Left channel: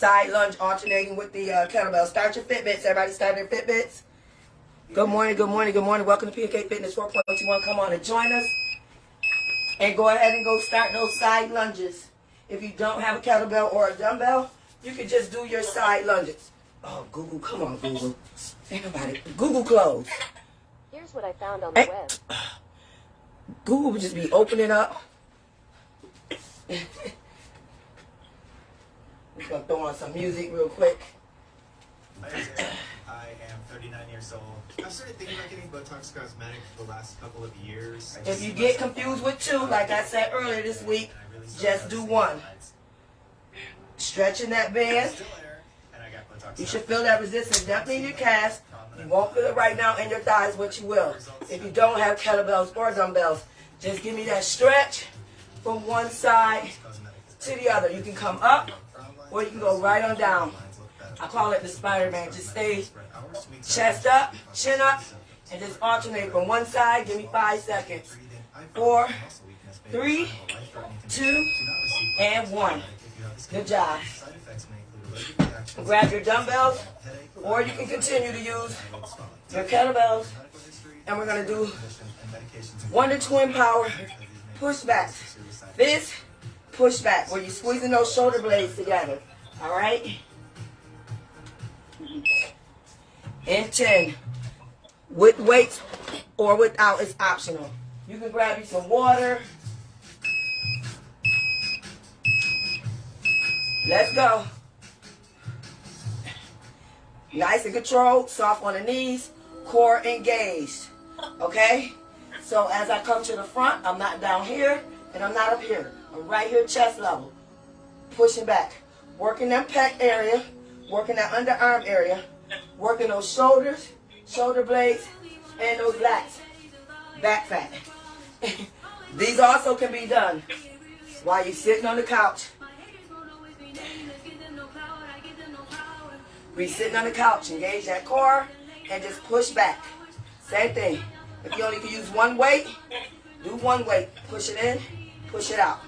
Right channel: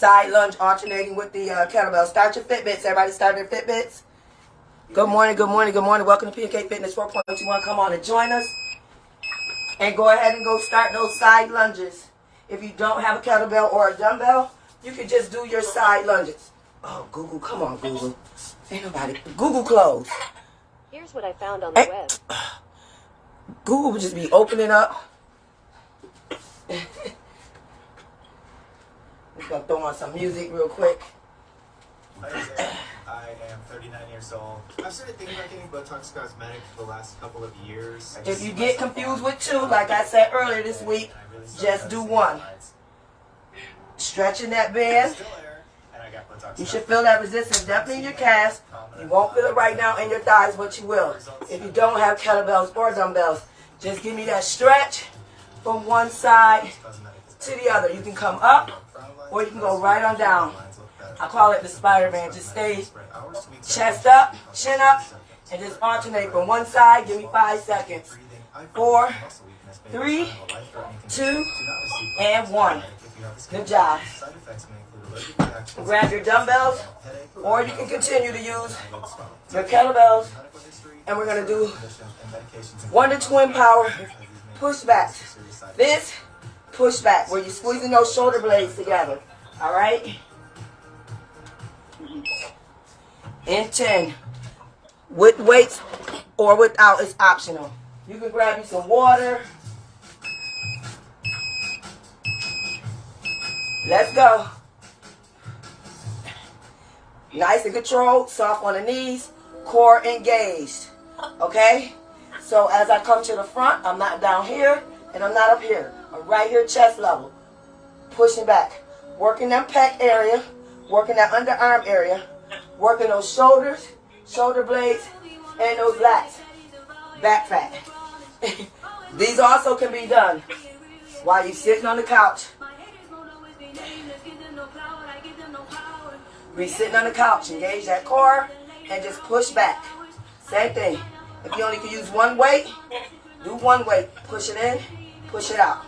Side lunge alternating with the kettlebell. Start your Fitbits. Everybody start their Fitbits. Good morning, good morning, good morning. Welcome to PK Fitness 4.21. Come on and join us. And go ahead and go start those side lunges. If you don't have a kettlebell or a dumbbell, you can just do your side lunges. Oh, Google, come on, Google. Ain't nobody. Google closed. Here's what I found on the web. Google would just be opening up. I'm going to throw on some music real quick. I am 39 years old. I've started thinking about getting Botox cosmetic for the last couple of years. If you get confused with two, like I said earlier this week, just do one. Stretching that band. You should feel that resistance definitely in your calves. You won't feel it right now in your thighs, but you will. If you don't have kettlebells or dumbbells, just give me that stretch from one side to the other. You can come up or you can go right on down. I call it the Spider-Man. Just stay chest up, chin up, and just alternate from one side. Give me 5 seconds. 4, 3, 2, and 1. Good job. Grab your dumbbells, or you can continue to use your kettlebells, and we're going to do 1 to twin power push back. This push back, where you're squeezing those shoulder blades together. All right? In 10. With weights or without, it's optional. You can grab you some water. Let's go. Nice and controlled, soft on the knees, core engaged. Okay? So as I come to the front, I'm not down here and I'm not up here. I'm right here, chest level. Pushing back. Working that pec area, working that underarm area, working those shoulders, shoulder blades, and those lats. Back fat. These also can be done while you're sitting on the couch. Be sitting on the couch, engage that core, and just push back. Same thing. If you only can use one weight, do one weight. Push it in, push it out.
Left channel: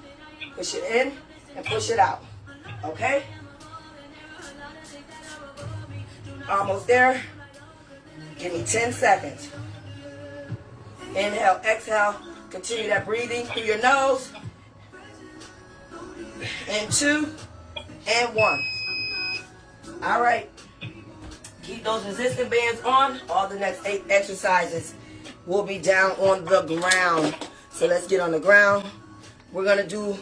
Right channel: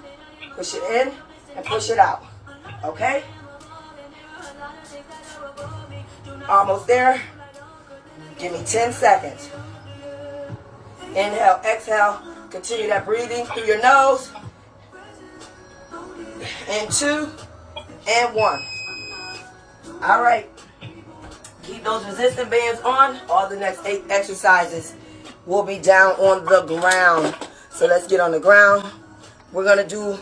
Push it in, and push it out. Okay? Almost there. Give me 10 seconds. Inhale, exhale. Continue that breathing through your nose. And 2, and 1. All right. Keep those resistance bands on. All the next 8 exercises will be down on the ground. So let's get on the ground. We're going to do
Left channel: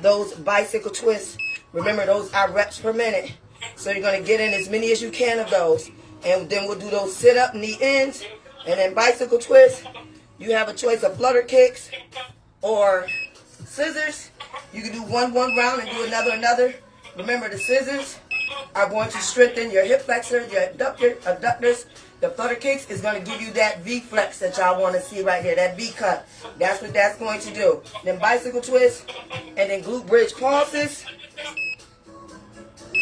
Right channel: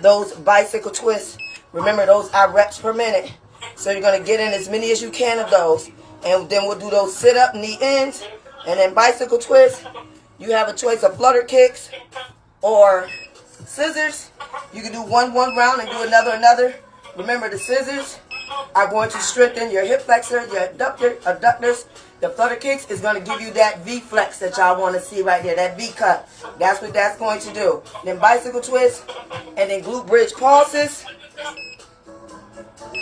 those bicycle twists. Remember, those are reps per minute. So you're going to get in as many as you can of those. And then we'll do those sit-up knee ends. And then bicycle twists. You have a choice of flutter kicks or scissors. You can do one round and do another. Remember, the scissors are going to strengthen your hip flexors, your adductors. The flutter kicks is going to give you that V flex that y'all want to see right there, that V cut. That's what that's going to do. Then bicycle twist, and then glute bridge pulses.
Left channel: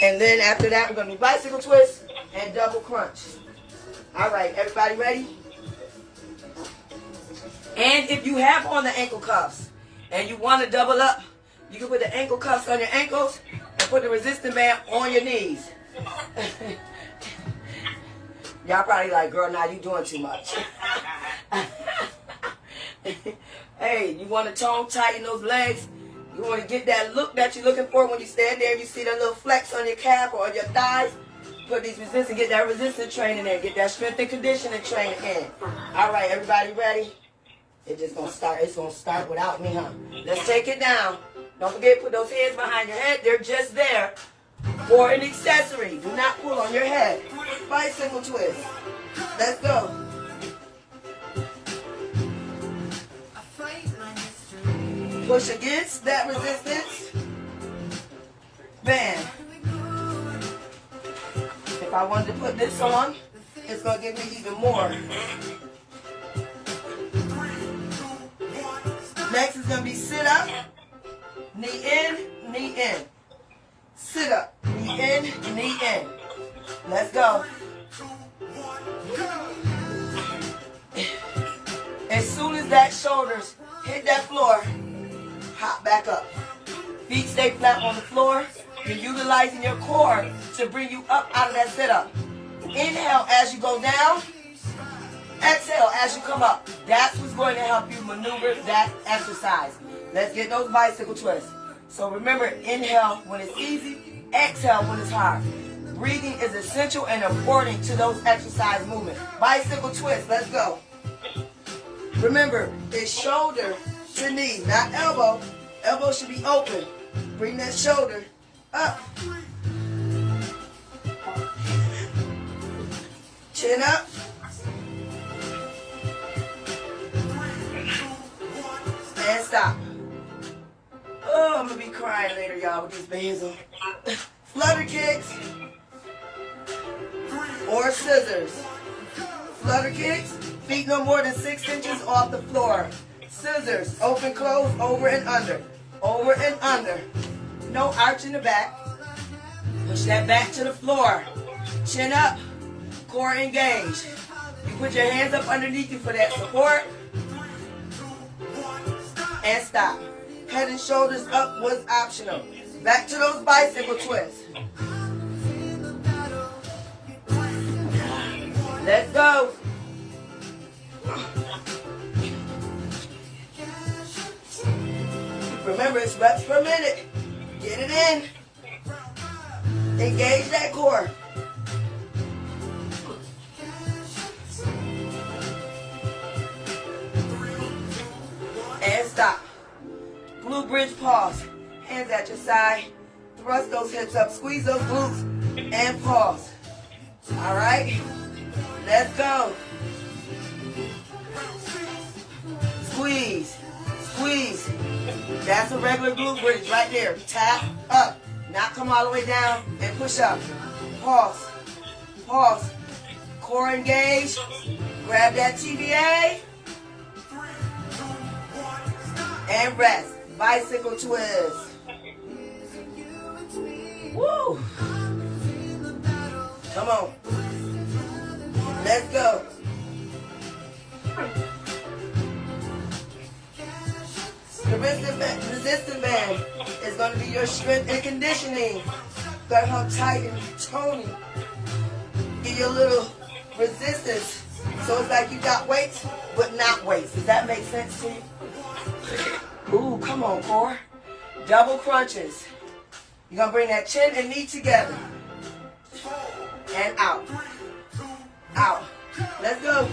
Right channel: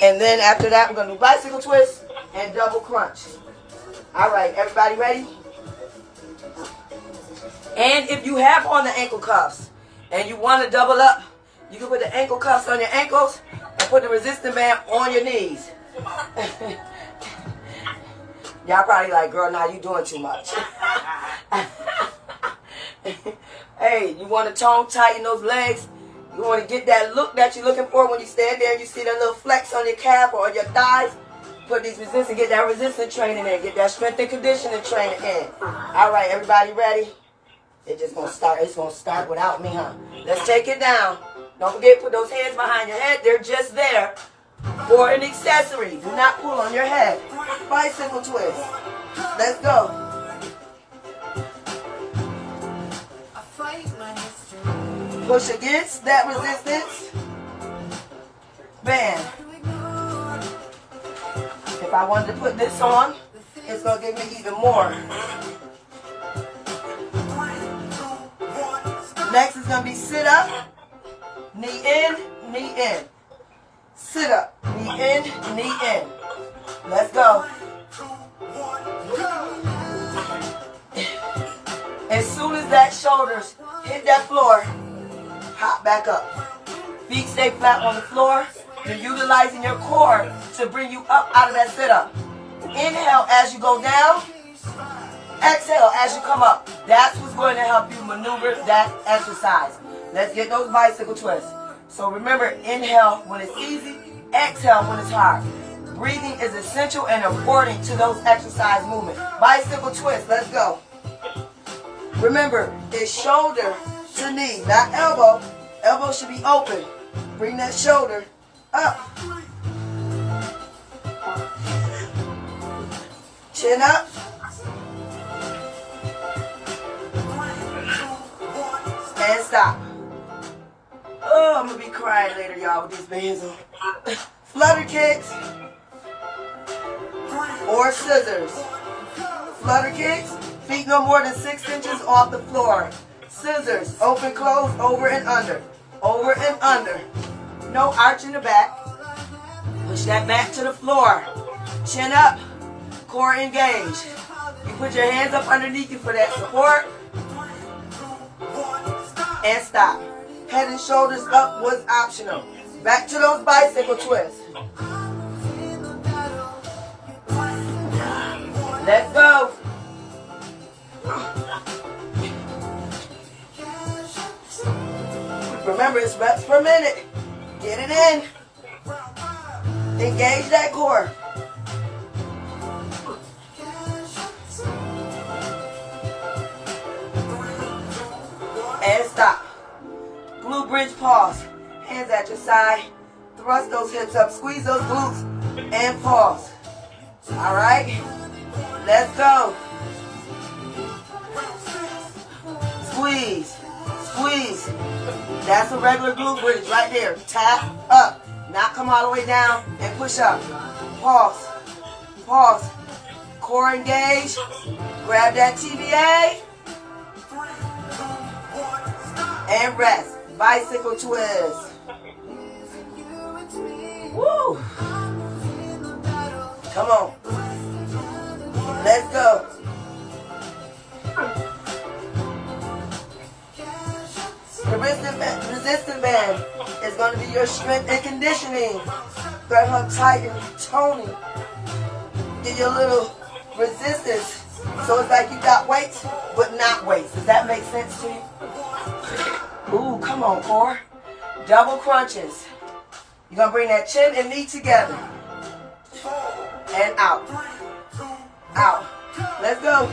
And then after that, we're going to do bicycle twist and double crunch. All right, everybody ready? And if you have on the ankle cuffs and you want to double up, you can put the ankle cuffs on your ankles and put the resistance band on your knees. Y'all probably like, girl, now you doing too much. Hey, you want to tone tighten those legs? You want to get that look that you're looking for when you stand there and you see that little flex on your calf or on your thighs? Put these resistance, get that resistance training in. Get that strength and conditioning training in. All right, everybody ready? It's going to start without me, huh? Let's take it down. Don't forget to put those hands behind your head. They're just there for an accessory. Do not pull on your head. Bicycle twist. Let's go. Push against that resistance band. If I wanted to put this on, it's going to give me even more. Next is going to be sit up, knee in, knee in. Sit up, knee in, knee in. Let's go. As soon as that shoulders hit that floor, hop back up. Feet stay flat on the floor. You're utilizing your core to bring you up out of that sit-up. Inhale as you go down. Exhale as you come up. That's what's going to help you maneuver that exercise. Let's get those bicycle twists. So remember, inhale when it's easy, exhale when it's hard. Breathing is essential and important to those exercise movements. Bicycle twist, let's go. Remember, it's shoulder to knee, not elbow. Elbow should be open. Bring that shoulder up. Chin up. And stop. Oh, I'm going to be crying later, y'all, with these bands on. Flutter kicks or scissors. Flutter kicks, feet no more than 6 inches off the floor. Scissors, open, close, over and under. Over and under. No arch in the back. Push that back to the floor. Chin up, core engaged. You put your hands up underneath you for that support. And stop. Head and shoulders up was optional. Back to those bicycle twists. Let's go. Remember, it's reps per minute. Get it in. Engage that core. And stop. Glute bridge pause. Hands at your side. Thrust those hips up. Squeeze those glutes. And pause. All right. Let's go. Squeeze. Squeeze. That's a regular glute bridge right there. Tap up. Not come all the way down and push up. Pause. Pause. Core engage. Grab that TBA. And rest. Bicycle twist. Woo! Come on. Let's go. The resistance band is going to be your strength and conditioning. Got her tight and toning. Get your little resistance. So it's like you got weights, but not weights. Does that make sense to you? Ooh, come on, core. Double crunches. You're going to bring that chin and knee together. And out. Out. Let's go.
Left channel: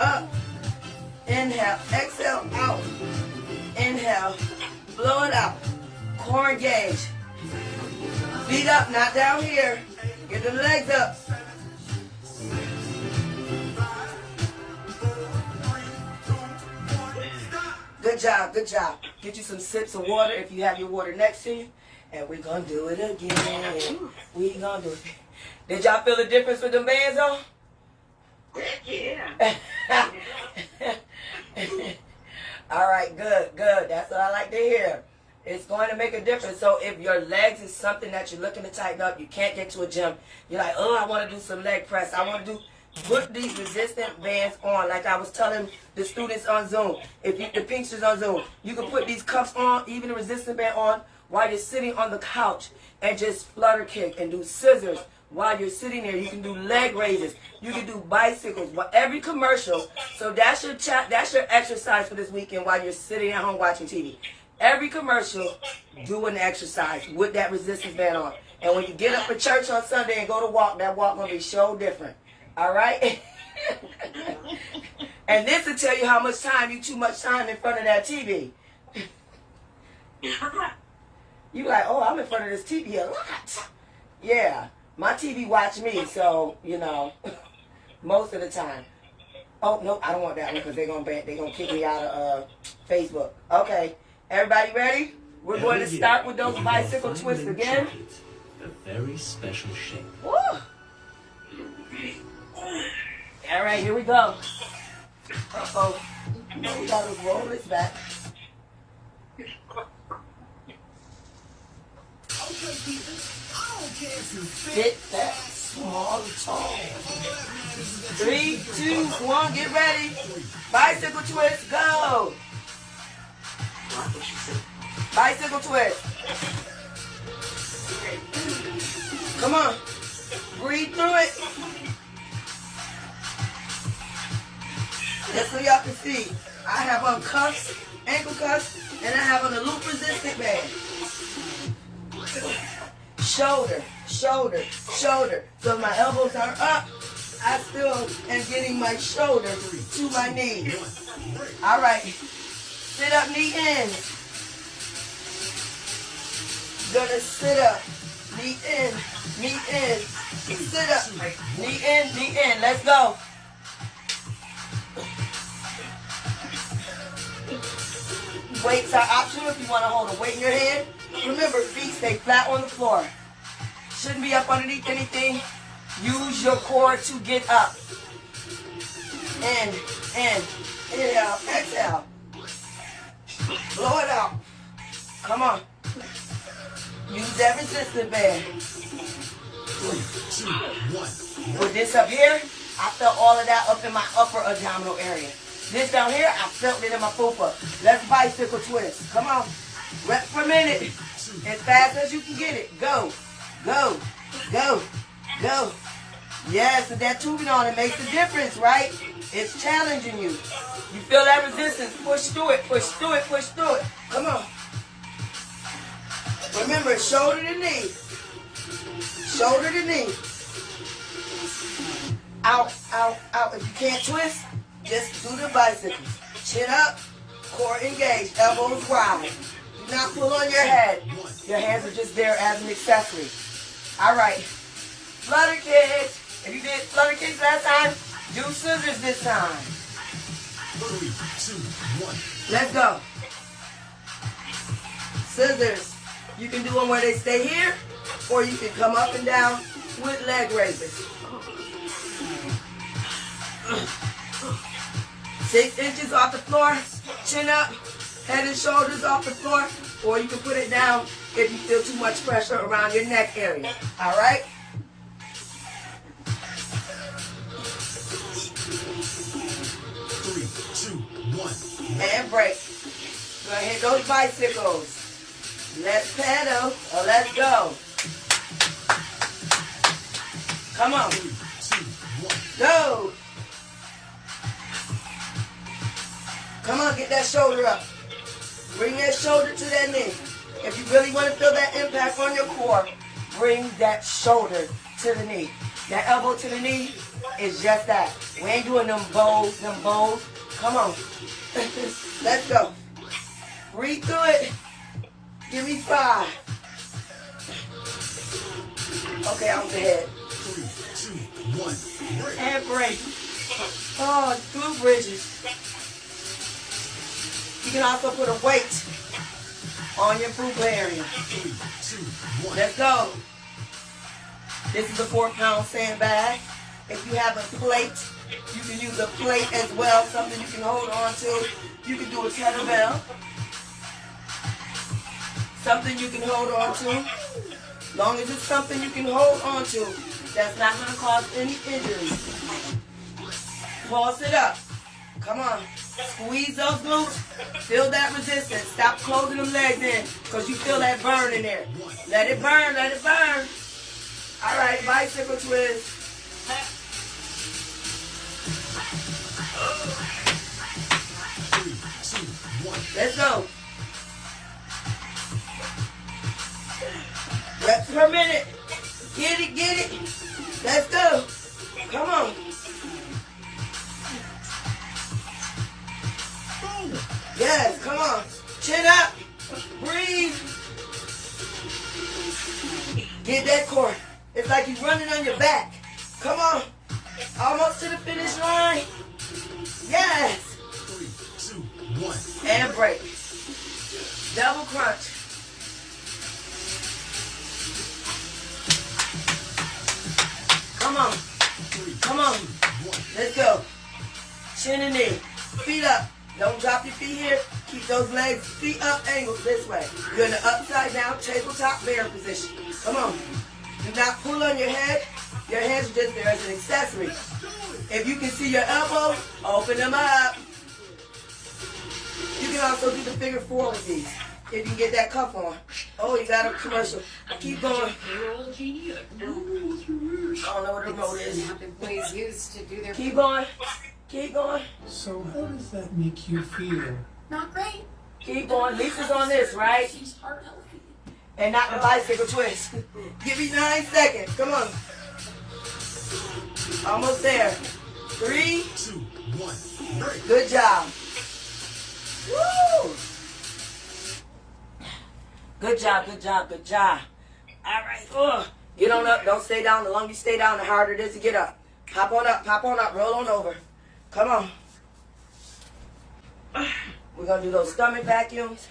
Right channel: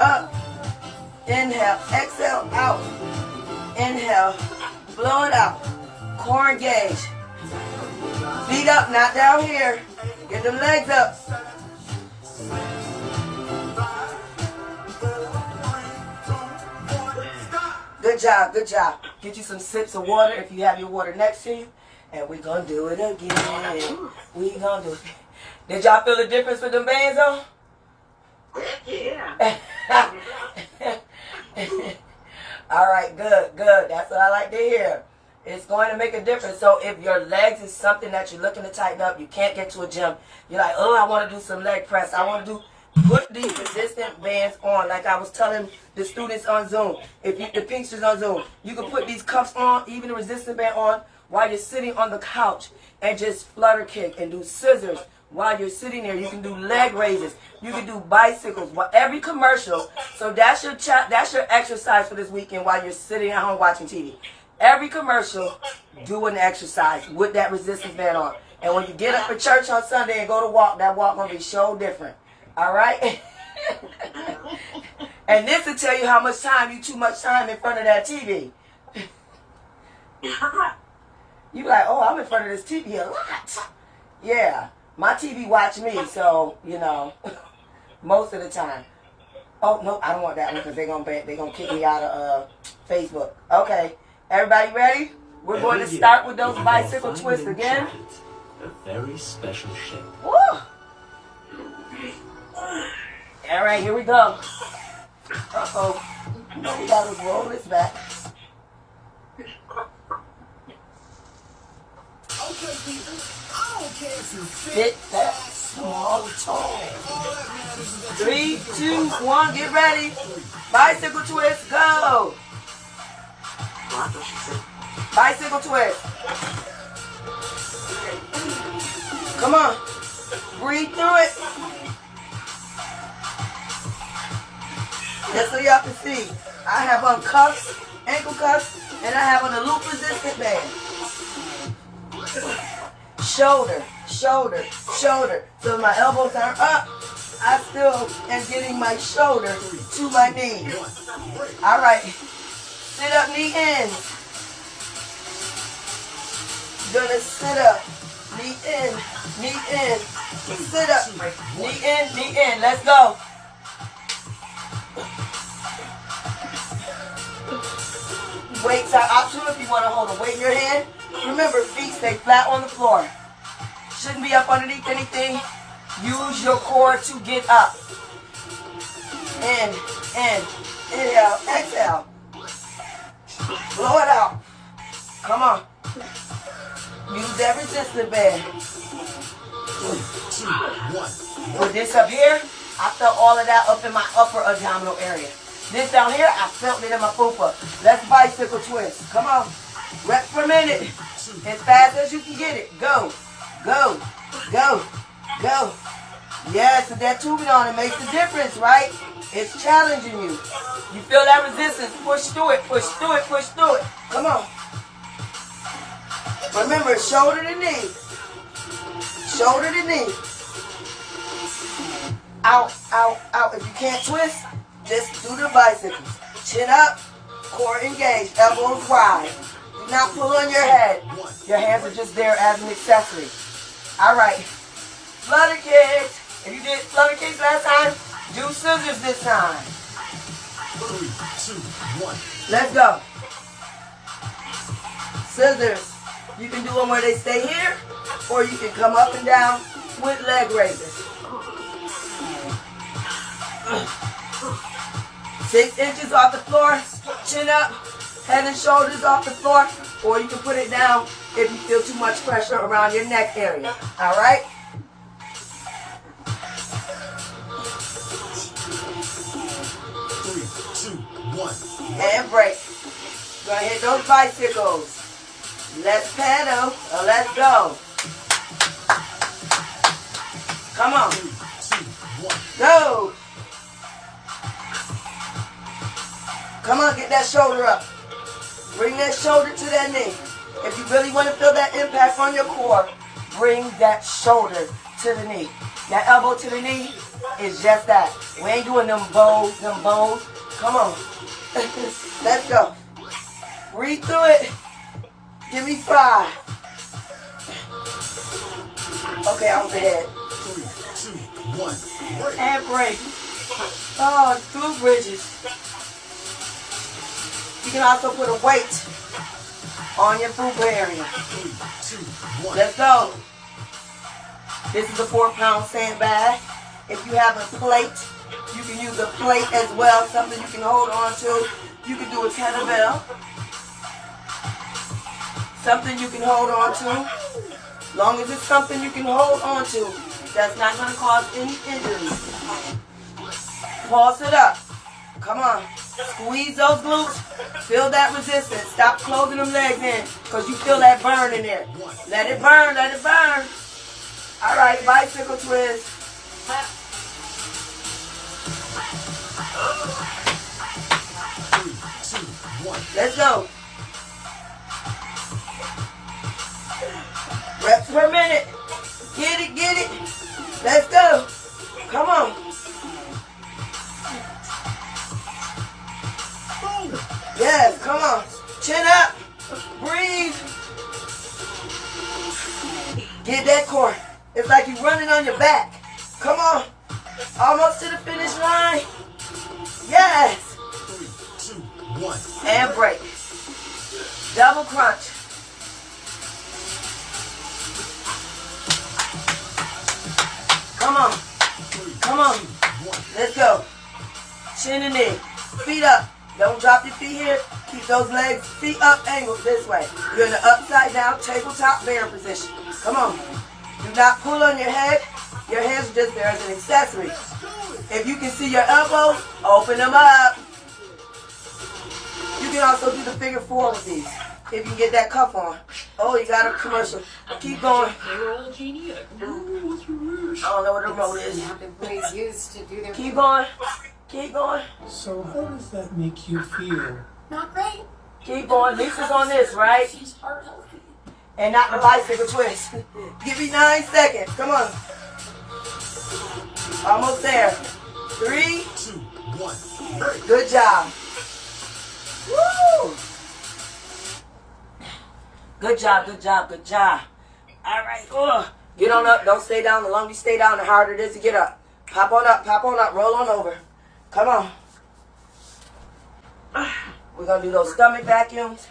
Up. Inhale. Exhale. Out. Inhale. Blow it out. Core engage. Feet up, not down here. Get the legs up. Good job, good job. Get you some sips of water if you have your water next to you. And we're going to do it again. We're going to do it again. Did y'all feel the difference with them bands on? Yeah. All right, good, good. That's what I like to hear. It's going to make a difference. So if your legs is something that you're looking to tighten up, you can't get to a gym. You're like, oh, I want to do some leg press. I want to do... Put these resistant bands on, like I was telling the students on Zoom. If you, the pinksters on Zoom, you can put these cuffs on, even the resistant band on, while you're sitting on the couch and just flutter kick and do scissors while you're sitting there. You can do leg raises. You can do bicycles. Every commercial. So that's your exercise for this weekend while you're sitting at home watching TV. Every commercial, do an exercise with that resistance band on. And when you get up for church on Sunday and go to walk, that walk gonna be so different. All right? And this will tell you how much time, too much time in front of that TV. You like, oh, I'm in front of this TV a lot. Yeah, my TV watch me, so, you know, most of the time. Oh, no, I don't want that one because they're gonna kick me out of Facebook. Okay, everybody ready? We're going to start with those bicycle twists again. A very special shape. Woo! All right, here we go. Uh-oh. We got to roll this back. Hit that small toe. 3, 2, 1, get ready. Bicycle twist, go. Bicycle twist. Come on. Breathe through it. Just so y'all can see, I have on cuffs, ankle cuffs, and I have on a loop resistant band. Shoulder, shoulder, shoulder. So my elbows are up. I still am getting my shoulder to my knee. All right. Sit up, knee in. Gonna sit up, knee in, knee in. Sit up, knee in, knee in. Let's go. Weights are optional if you want to hold a weight in your hand. Remember, feet stay flat on the floor. Shouldn't be up underneath anything. Use your core to get up. In, inhale, exhale. Blow it out. Come on. Use that resistance band. 3, 2, 1. With this up here, I felt all of that up in my upper abdominal area. This down here, I felt it in my fupa. Let's bicycle twist. Come on. Rep per minute. As fast as you can get it. Go, go, go, go. Yes, with that tubing on, it makes a difference, right? It's challenging you. You feel that resistance. Push through it, push through it, push through it. Come on. Remember, shoulder to knee. Shoulder to knee. Out, out, out. If you can't twist, just do the bicycles. Chin up, core engaged, elbows wide. Do not pull on your head. Your hands are just there as an accessory. All right. Flutter kicks. If you did flutter kicks last time, do scissors this time. 3, 2, 1. Let's go. Scissors. You can do them where they stay here, or you can come up and down with leg raises. 6 inches off the floor, chin up, head and shoulders off the floor, or you can put it down if you feel too much pressure around your neck area. All right? 3, 2, 1. And break. Gonna hit those bicycles. Let's pedal, or let's go. Come on. 3, 2, 1. Go. Come on, get that shoulder up. Bring that shoulder to that knee. If you really want to feel that impact on your core, bring that shoulder to the knee. That elbow to the knee is just that. We ain't doing them bows, Come on. Let's go. Breathe through it. Give me 5. Okay, on the head. 3, 2, 1. And break. Oh, it's glute bridges. You can also put a weight on your fupa area. 3, 2, 1. Let's go. This is a 4-pound sandbag. If you have a plate, you can use a plate as well, something you can hold on to. You can do a kettlebell. Something you can hold on to. Long as it's something you can hold on to, that's not going to cause any injuries. Pulse it up. Come on. Squeeze those glutes. Feel that resistance. Stop closing them legs in because you feel that burn in there. Let it burn. Let it burn. All right. Bicycle twist. 3, 2, 1. Let's go. Reps per minute. Get it, get it. Let's go. Come on. Yes, come on. Chin up. Breathe. Get that core. It's like you're running on your back. Come on. Almost to the finish line. Yes. 3, 2, 1. And break. Double crunch. Come on. 3, Come on. 2, 1. Let's go. Chin and knee. Feet up. Don't drop your feet here. Keep those legs, feet up, angled this way. You're in the upside down tabletop bear position. Come on. Do not pull on your head. Your hands are just there as an accessory. If you can see your elbows, open them up. You can also do the figure 4 with these. if you get that cuff on. Oh, you got a commercial. Keep going. I don't know what the remote is. Everybody's used to do their. Keep going. Keep going. So how does that make you feel? Not great. Keep going. Lisa's on this, right? And not the bicycle twist. Give me 9 seconds. Come on. Almost there. 3, 2, 1, break. good job. Woo! Good job, good job, good job. All right. Get on up. Don't stay down. The longer you stay down, the harder it is to get up. Pop on up, roll on over. Come on. We're going to do those stomach vacuums.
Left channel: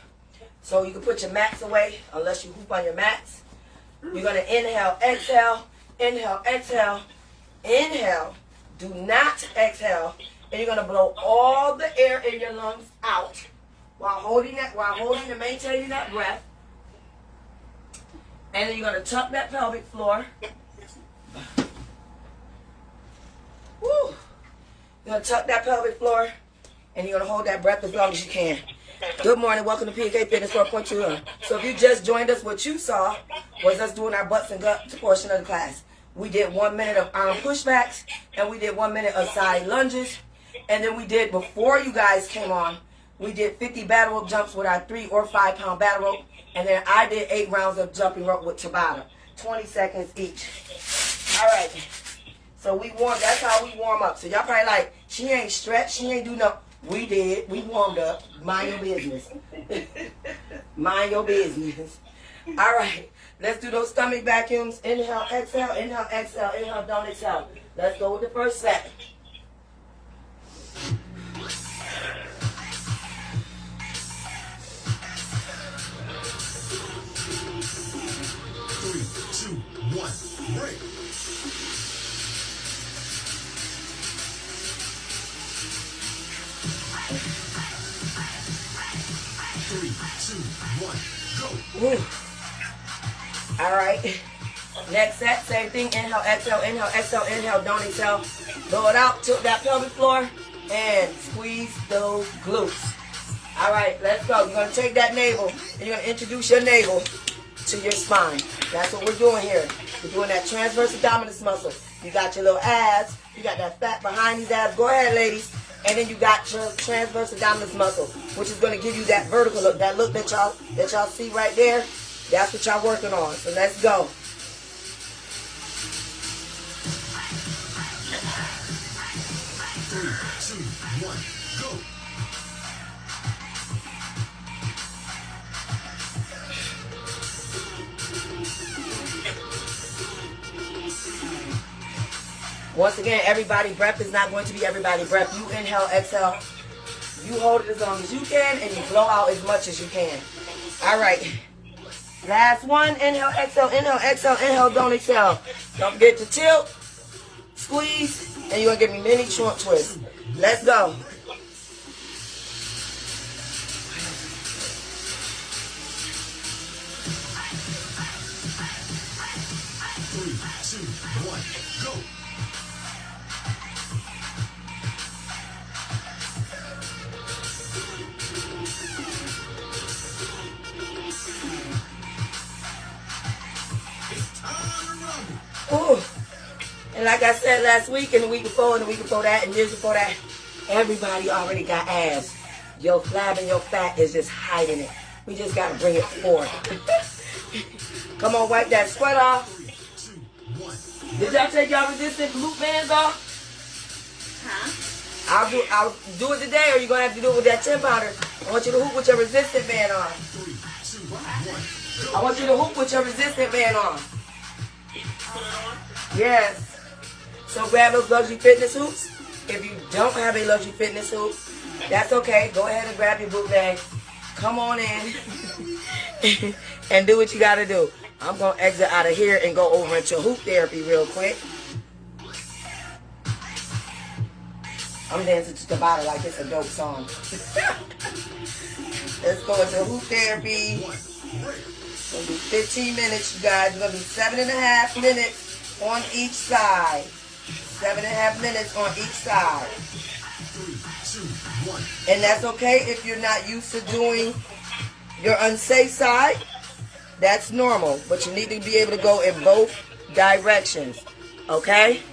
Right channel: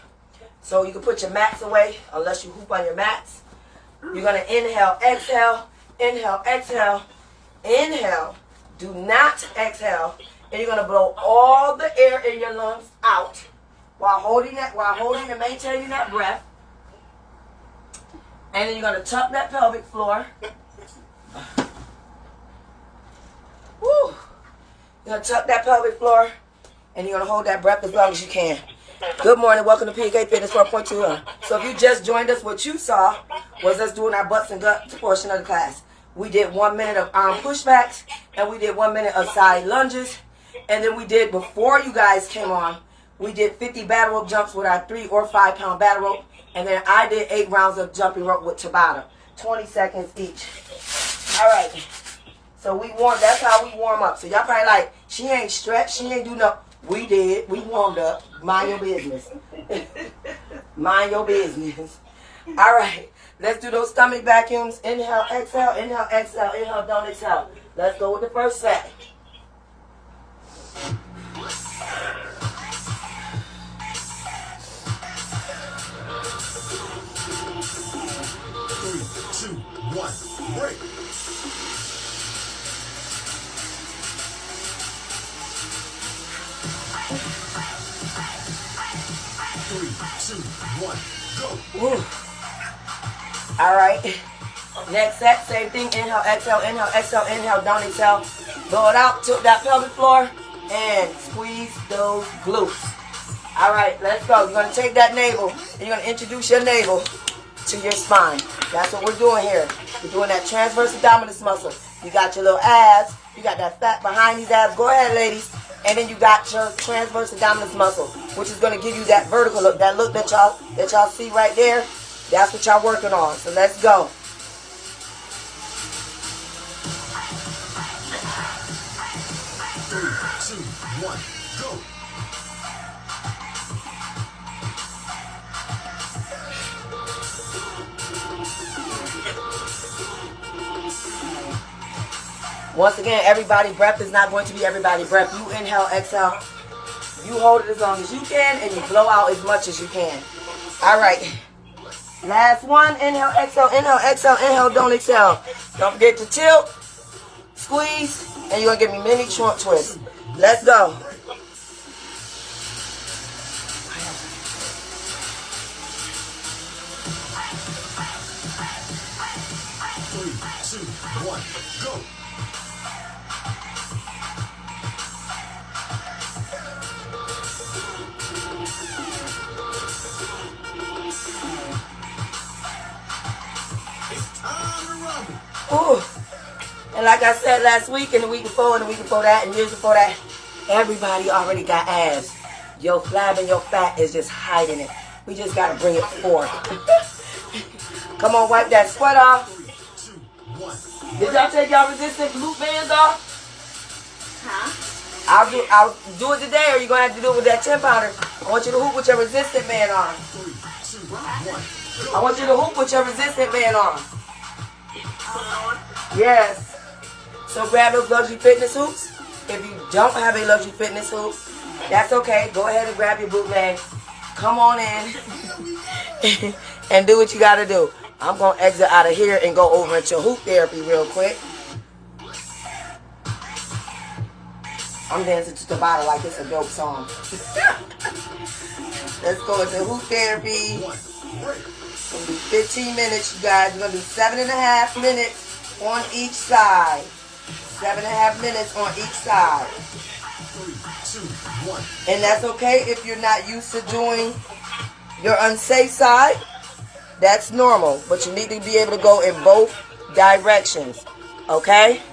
So you can put your mats away unless you hoop on your mats. You're going to inhale, exhale, inhale, exhale, inhale. Do not exhale. And you're going to blow all the air in your lungs out while holding and maintaining that breath. And then you're going to tuck that pelvic floor. Woo. You're going to tuck that pelvic floor. And you're going to hold that breath as long as you can. Good morning. Welcome to PK Fitness 4.2. So if you just joined us, what you saw was us doing our butts and guts portion of the class. We did 1 minute of arm pushbacks. And we did 1 minute of side lunges. And then we did, before you guys came on, we did 50 battle rope jumps with our 3 or 5 pound battle rope. And then I did 8 rounds of jumping rope with TABATA. 20 seconds each. All right. So that's how we warm up. So y'all probably like, she ain't stretched, she ain't do no. We did. We warmed up. Mind your business. Mind your business. All right. Let's do those stomach vacuums. Inhale, exhale, inhale, exhale, inhale, don't exhale. Let's go with the first set. Three, two, one, break. 3, 2, 1, go. Woo. All right. Next set, same thing. Inhale, exhale, don't exhale. Blow it out, tilt that pelvic floor, and squeeze those glutes. All right, let's go. You're going to take that navel, and you're going to introduce your navel to your spine. That's what we're doing here. We're doing that transverse abdominis muscle. You got your little abs. You got that fat behind these abs. Go ahead, ladies. And then you got your transverse abdominis muscle, which is going to give you that vertical look. That look that y'all see right there, that's what y'all working on. So let's go. Three, two, one, go. Once again, everybody breath is not going to be everybody breath. You inhale, exhale. You hold it as long as you can, and you blow out as much as you can. All right. Last one. Inhale, exhale, inhale, don't exhale. Don't forget to tilt, squeeze, and you're going to give me mini short twists. Let's go. 3, 2, 1, go. It's time to rumble. Ooh. And like I said last week, and the week before, and the week before that, and years before that, everybody already got abs. Your flab and your fat is just hiding it. We just got to bring it forth. Come on, wipe that sweat off. 3, 2, 1. Did y'all take y'all resistant glute bands off? Huh? I'll do it today, or you're going to have to do it with that 10-pounder. I want you to hoop with your resistant band on. 3, 2, 1, I want you to hoop with your resistant band on. Yes. So grab those luxury fitness hoops. If you don't have a luxury fitness hoop, that's okay. Go ahead and grab your bootleg. Come on in and do what you got to do. I'm going to exit out of here and go over into hoop therapy real quick. I'm dancing to TABATA like it's a dope song. Let's go into hoop therapy. 1, break. It's going to be 15 minutes, you guys. We're going to do 7.5 minutes on each side. 7.5 minutes on each side. 3, 2, 1. And that's okay if you're not used to doing your unsafe side, that's normal. But you need to be able to go in both directions. Okay?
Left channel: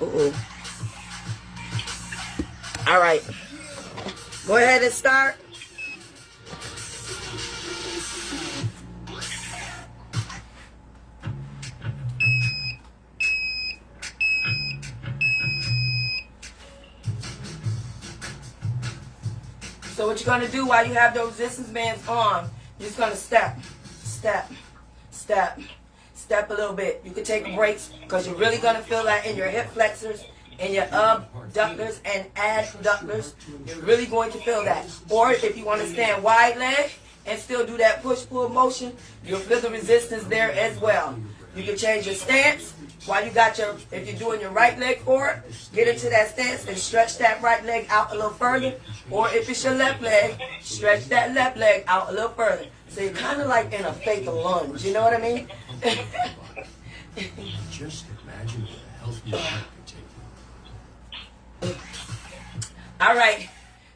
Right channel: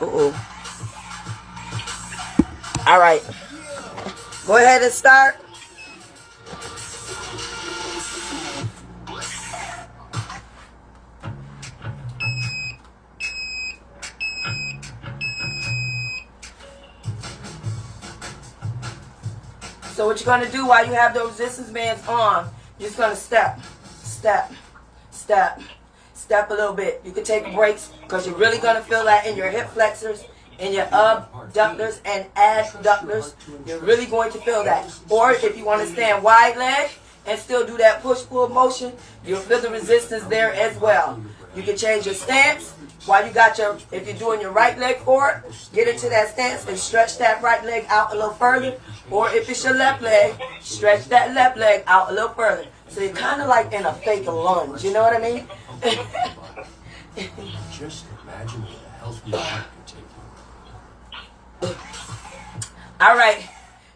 All right. Go ahead and start. So what you're going to do while you have those resistance bands on, you're just going to step, step, step, step a little bit. You can take breaks because you're really going to feel that in your hip flexors, in your abductors and adductors. You're really going to feel that. Or if you want to stand wide leg and still do that push-pull motion, you'll feel the resistance there as well. You can change your stance while you got your, if you're doing your right leg forward, get into that stance and stretch that right leg out a little further. Or if it's your left leg, stretch that left leg out a little further. So you're kind of like in a fake lunge, you know what I mean? Just imagine what a healthy heart can take you. All right.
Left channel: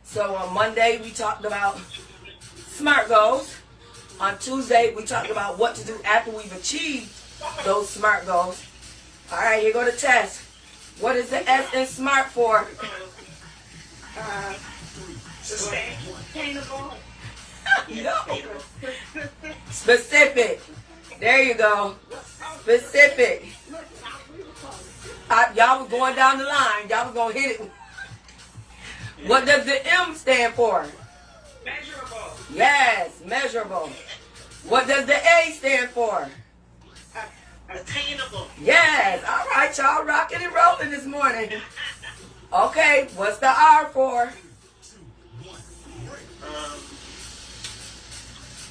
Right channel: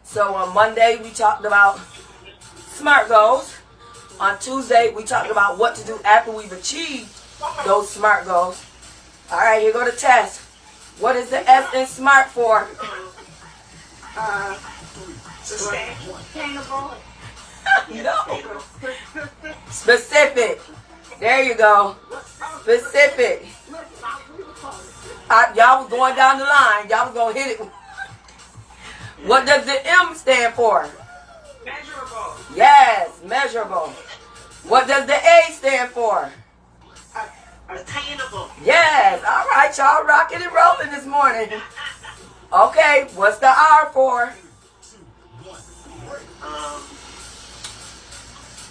So on Monday, we talked about SMART goals. On Tuesday, we talked about what to do after we've achieved those SMART goals. All right, here go the test. What is the S in SMART for? Sustainable. No. Specific. There you go. Specific. Y'all was going down the line. Y'all was going to hit it. What does the M stand for? Measurable. Yes, measurable. What does the A stand for? Attainable. Yes. All right, y'all rocking and rolling this morning. Okay, what's the R for?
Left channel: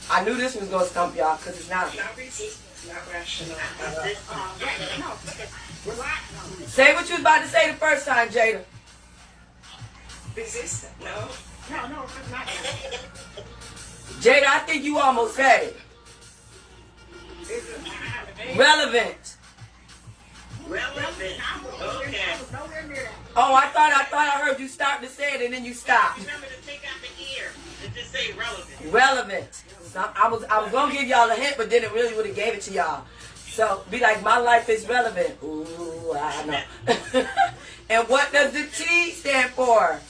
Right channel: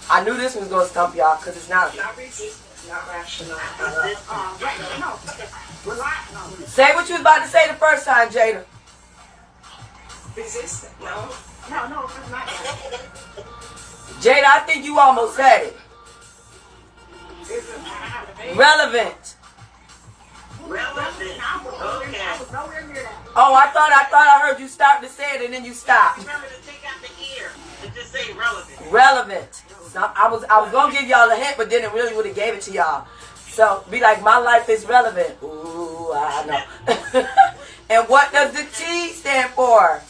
I knew this was going to stump y'all because it's not. Not resistance. Not rational. No. Say what you was about to say the first time, Jada. Resistant. No. No, it's not. Jada, I think you almost said it. Relevant. Relevant. Okay. I was nowhere near that. Oh, I thought I heard you start to say it and then you stopped. Remember to take out the ear and just say relevant. Relevant. So I was gonna give y'all a hint, but then it really would have gave it to y'all. So be like, my life is relevant. Ooh, I know. And what does the T stand for?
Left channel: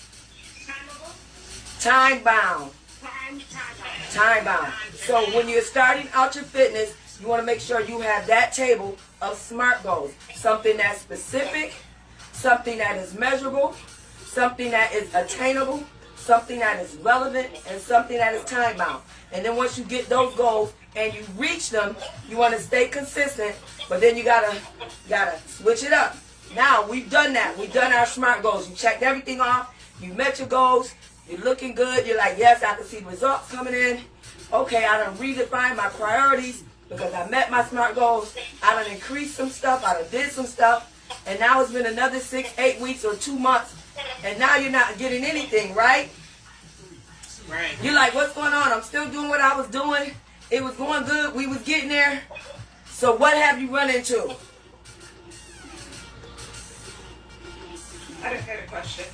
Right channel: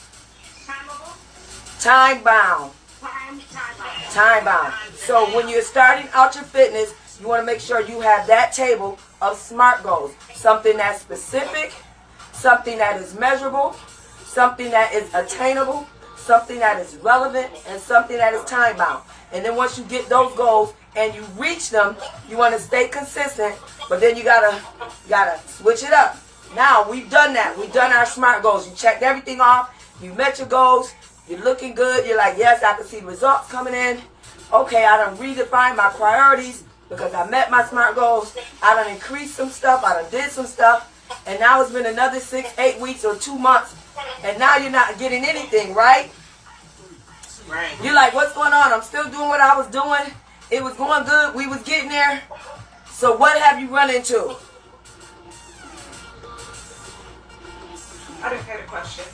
Time bound. Time bound. So when you're starting out your fitness, you want to make sure you have that table of SMART goals. Something that's specific, something that is measurable, something that is attainable, something that is relevant, and something that is time bound. And then once you get those goals and you reach them, you want to stay consistent, but then you gotta switch it up. Now we've done that. We've done our SMART goals. You checked everything off. You met your goals. You're looking good. You're like, yes, I can see the results coming in. Okay, I done redefined my priorities because I met my SMART goals. I done increased some stuff. I done did some stuff. And now it's been another 6, 8 weeks or 2 months. And now you're not getting anything, right? Right. You're like, what's going on? I'm still doing what I was doing. It was going good. We was getting there. So what have you run into? I didn't hear the question.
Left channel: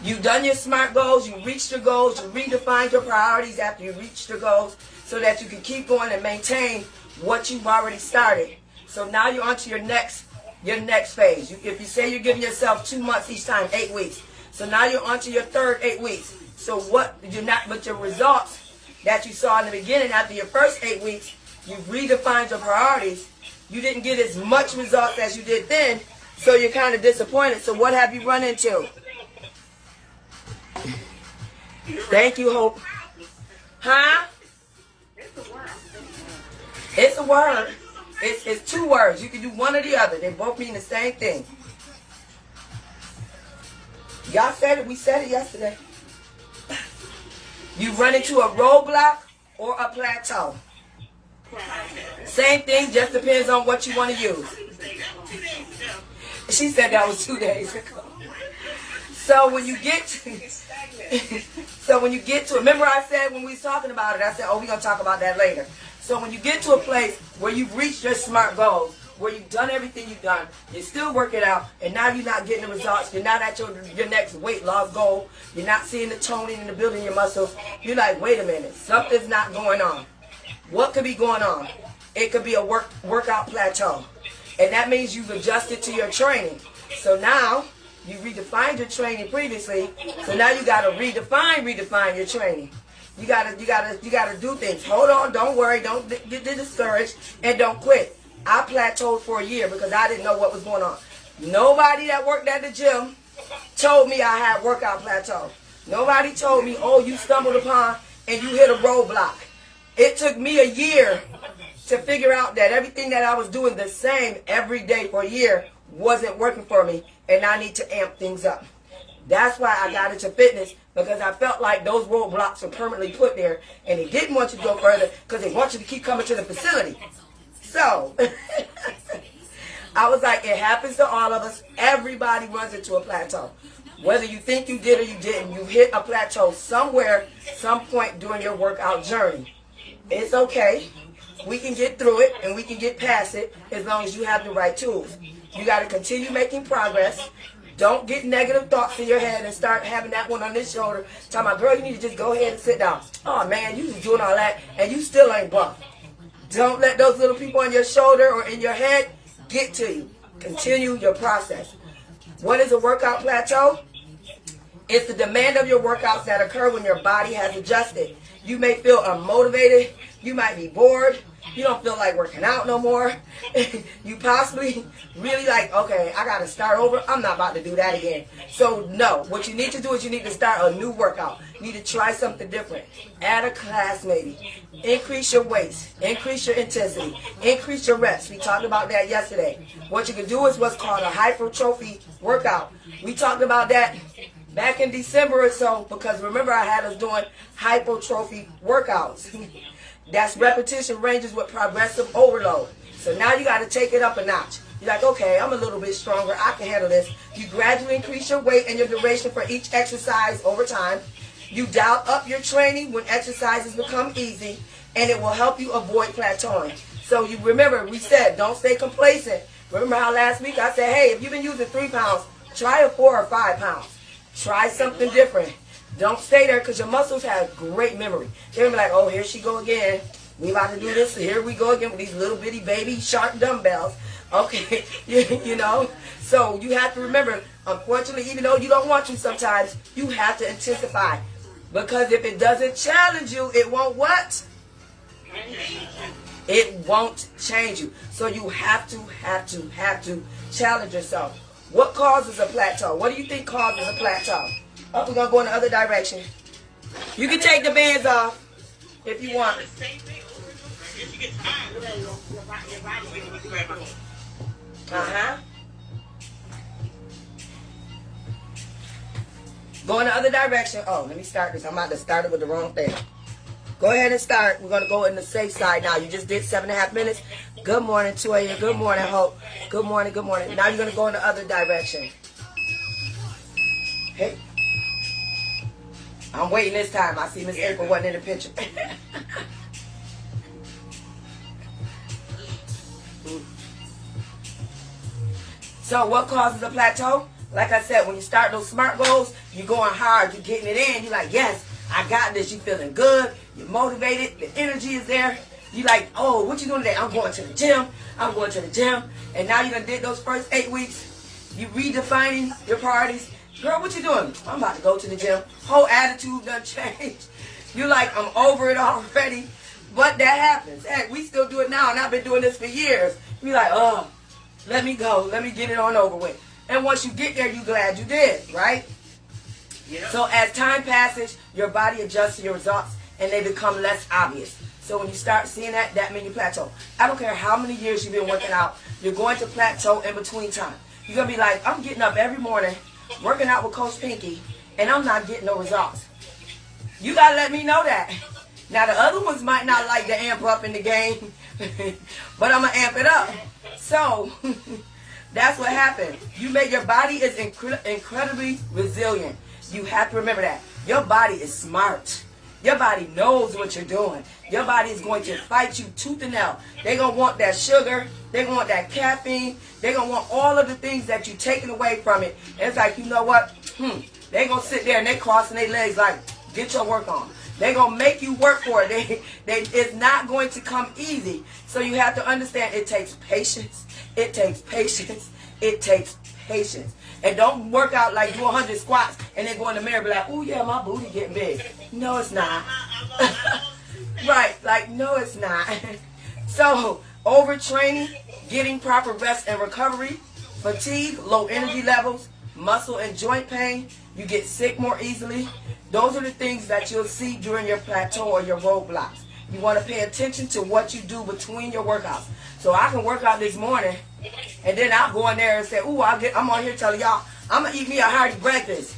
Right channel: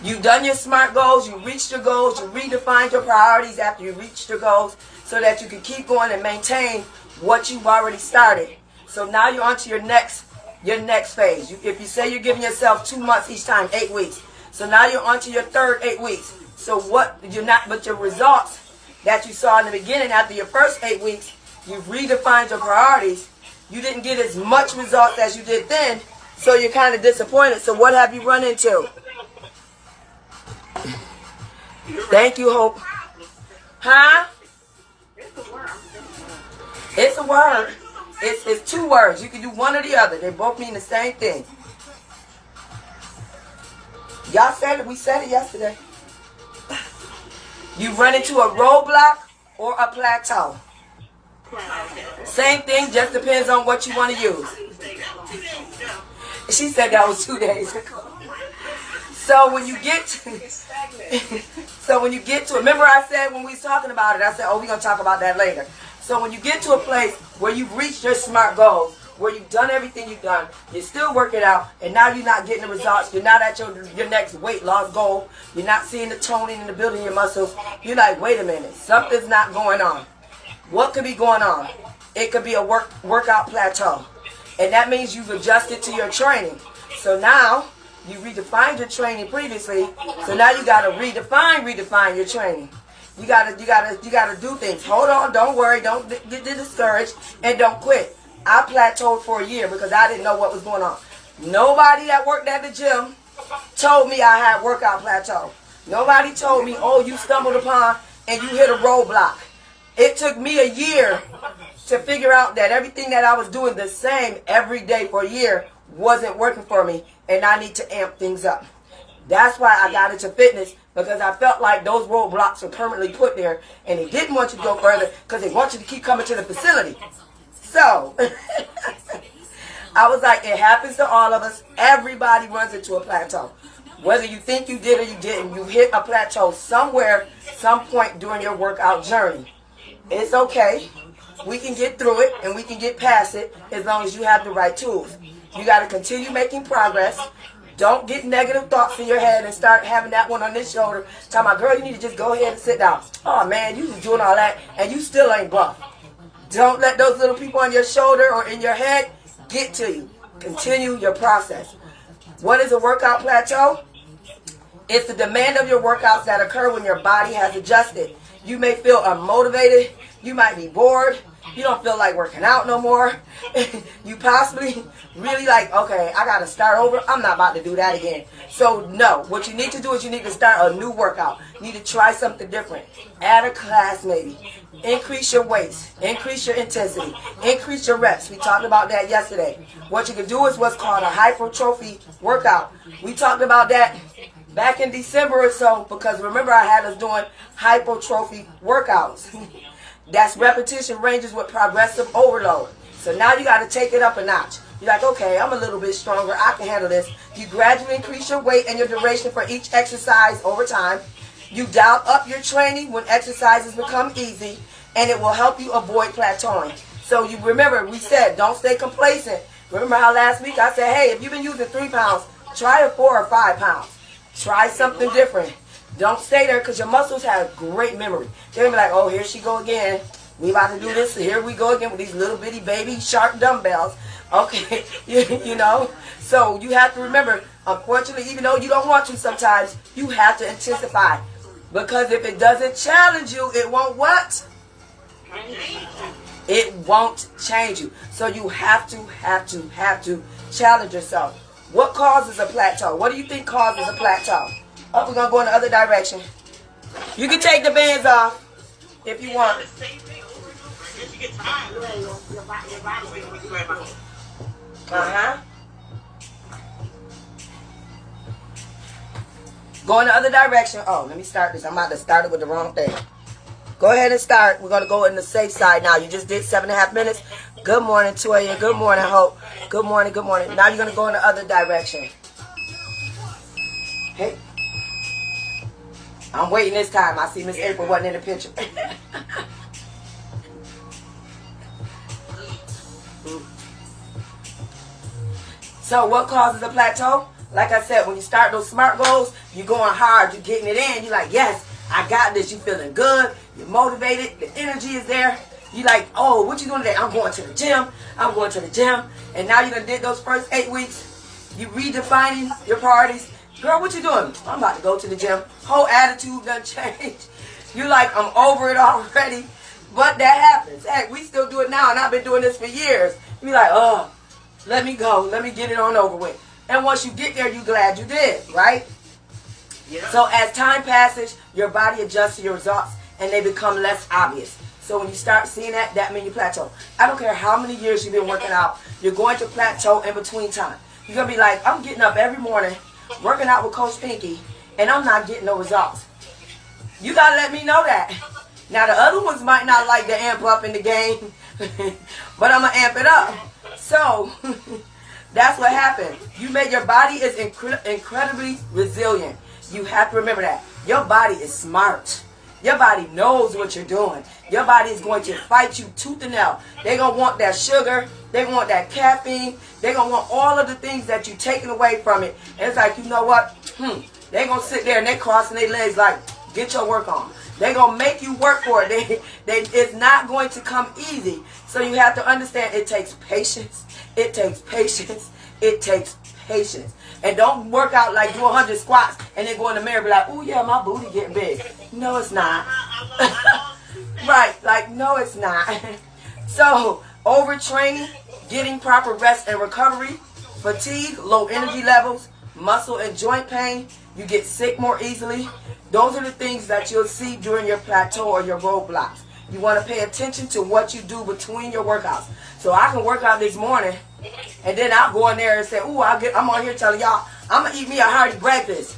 You've done your SMART goals, you reached your goals, you redefined your priorities after you reached your goals so that you can keep going and maintain what you've already started. So now you're on to your next phase. If you say you're giving yourself 2 months each time, 8 weeks. So now you're on to your third 8 weeks. So but your results that you saw in the beginning after your first 8 weeks, you've redefined your priorities. You didn't get as much results as you did then, so you're kind of disappointed. So what have you run into? Thank you, Hope. Huh? It's a word. It's 2 words. You can do one or the other. They both mean the same thing. Y'all said it. We said it yesterday. You run into a roadblock or a plateau. Same thing, just depends on what you want to use. She said that was 2 days ago. So when you get to it, remember I said when we was talking about it, I said, oh, we're going to talk about that later. So when you get to a place where you've reached your SMART goals where you've done everything you've done, you're still working out, and now you're not getting the results, you're not at your next weight loss goal, you're not seeing the toning and the building your muscles, you're like, wait a minute, something's not going on. What could be going on? It could be a workout plateau. And that means you've adjusted to your training. So now, you redefined your training previously, so now you gotta redefine your training. You gotta do things. Hold on, don't worry, don't get discouraged, and don't quit. I plateaued for a year because I didn't know what was going on. Nobody that worked at the gym told me I had workout plateau. Nobody told me, oh, you stumbled upon and you hit a roadblock. It took me a year to figure out that everything that I was doing the same every day for a year wasn't working for me, and I need to amp things up. That's why I got into fitness, because I felt like those roadblocks were permanently put there, and they didn't want you to go further because they want you to keep coming to the facility. So, I was like, it happens to all of us. Everybody runs into a plateau. Whether you think you did or you didn't, you hit a plateau somewhere, some point during your workout journey. It's okay. We can get through it, and we can get past it as long as you have the right tools. You got to continue making progress. Don't get negative thoughts in your head and start having that one on this shoulder. Talking about, girl, you need to just go ahead and sit down. Oh, man, you just doing all that, and you still ain't buff. Don't let those little people on your shoulder or in your head get to you. Continue your process. What is a workout plateau? It's the demand of your workouts that occur when your body has adjusted. You may feel unmotivated. You might be bored. You don't feel like working out no more. You possibly really like, okay, I got to start over. I'm not about to do that again. So, no. What you need to do is you need to start a new workout. You need to try something different. Add a class maybe. Increase your weights. Increase your intensity. Increase your reps. We talked about that yesterday. What you can do is what's called a hypertrophy workout. We talked about that back in December or so, because remember I had us doing hypertrophy workouts. That's repetition ranges with progressive overload. So now you got to take it up a notch. You're like, okay, I'm a little bit stronger. I can handle this. You gradually increase your weight and your duration for each exercise over time. You dial up your training when exercises become easy, and it will help you avoid plateauing. So you remember, we said, don't stay complacent. Remember how last week I said, hey, if you've been using 3 pounds, try a 4 or 5 pounds. Try something different. Don't stay there, because your muscles have great memory. They're going to be like, oh, here she go again. We about to do this. Here we go again with these little bitty baby sharp dumbbells. Okay, you know. So you have to remember, unfortunately, even though you don't want to sometimes, you have to intensify. Because if it doesn't challenge you, it won't what? It won't change you. So you have to challenge yourself. What causes a plateau? What do you think causes a plateau? Oh, we're going to go in the other direction. You can take the bands off if you want. Uh-huh. Go in the other direction. Oh, let me start this. I'm about to start it with the wrong thing. Go ahead and start. We're going to go in the safe side now. You just did 7.5 minutes. Good morning, Toya. Good morning, Hope. Good morning, good morning. Now you're going to go in the other direction. Hey. I'm waiting this time. I see Miss April wasn't in the picture. So what causes a plateau? Like I said, when you start those SMART goals, you're going hard, you're getting it in. You're like, yes, I got this. You're feeling good. You're motivated. Your energy is there. You're like, oh, what you doing today? I'm going to the gym. I'm going to the gym. And now you done did those first 8 weeks. You redefining your priorities. Girl, what you doing? I'm about to go to the gym. Whole attitude done changed. You're like, I'm over it already. But that happens. Hey, we still do it now, and I've been doing this for years. You're like, oh, let me go. Let me get it on over with. And once you get there, you're glad you did, right? Yeah. So as time passes, your body adjusts to your results, and they become less obvious. So when you start seeing that, that means you plateau. I don't care how many years you've been working out, you're going to plateau in between time. You're going to be like, I'm getting up every morning, working out with Coach Pinky, and I'm not getting no results. You got to let me know that. Now, the other ones might not like to amp up in the game, but I'm going to amp it up. So, that's what happened. Your body is incredibly resilient. You have to remember that. Your body is smart. Your body knows what you're doing. Your body is going to fight you tooth and nail. They're going to want that sugar. They're going to want that caffeine. They're going to want all of the things that you're taking away from it. And it's like, you know what? They're going to sit there and they're crossing their legs like, get your work on. They're going to make you work for it. It's not going to come easy. So you have to understand it takes patience. It takes patience. It takes patience. And don't work out like do 100 squats and then go in the mirror and be like, oh yeah, my booty getting big. No, it's not. Right, like no, it's not. So overtraining, getting proper rest and recovery, fatigue, low energy levels, muscle and joint pain, you get sick more easily. Those are the things that you'll see during your plateau or your roadblocks. You want to pay attention to what you do between your workouts. So I can work out this morning, and then I'll go in there and say, ooh, I'm on here telling y'all, I'm going to eat me a hearty breakfast.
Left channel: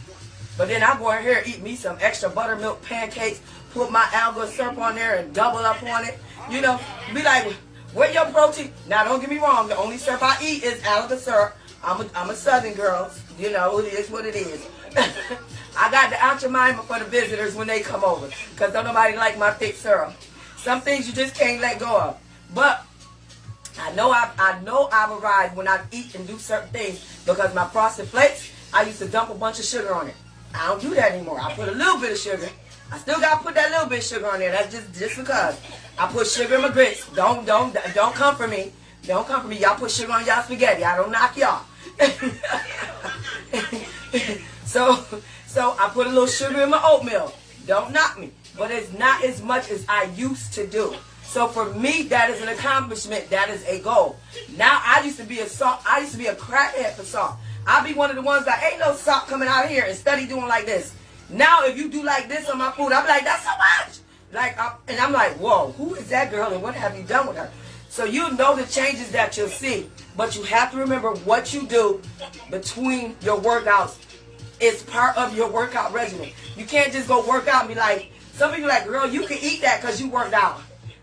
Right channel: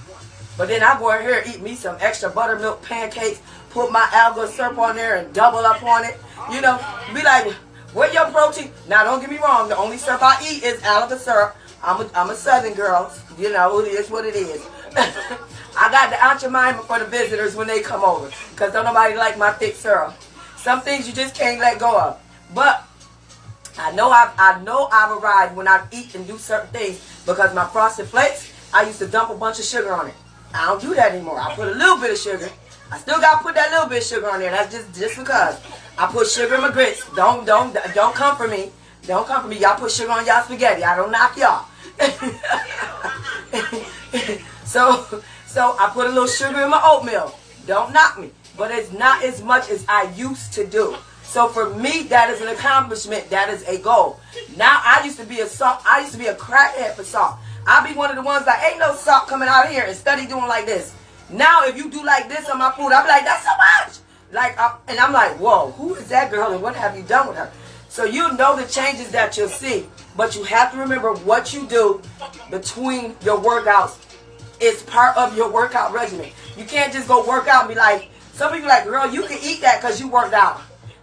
But then I go in here and eat me some extra buttermilk pancakes, put my alga syrup on there and double up on it. You know, be like, where your protein? Now, don't get me wrong. The only syrup I eat is alga syrup. I'm a Southern girl. You know, it is what it is. I got the Aunt Jemima for the visitors when they come over, because don't nobody like my thick syrup. Some things you just can't let go of. But I know I've arrived when I eat and do certain things, because my Frosted Flakes, I used to dump a bunch of sugar on it. I don't do that anymore. I put a little bit of sugar. I still got to put that little bit of sugar on there. That's just because. I put sugar in my grits. Don't come for me. Don't come for me. Y'all put sugar on y'all spaghetti. I don't knock y'all. So I put a little sugar in my oatmeal. Don't knock me. But it's not as much as I used to do. So for me, that is an accomplishment. That is a goal. Now I used to be a crackhead for salt. I'll be one of the ones that ain't no salt coming out of here and study doing like this. Now if you do like this on my food, I'll be like, that's so much. And I'm like, whoa, who is that girl and what have you done with her? So you know the changes that you'll see. But you have to remember what you do between your workouts is part of your workout regimen. You can't just go work out and be like, some people are like, girl, you can eat that because you worked out.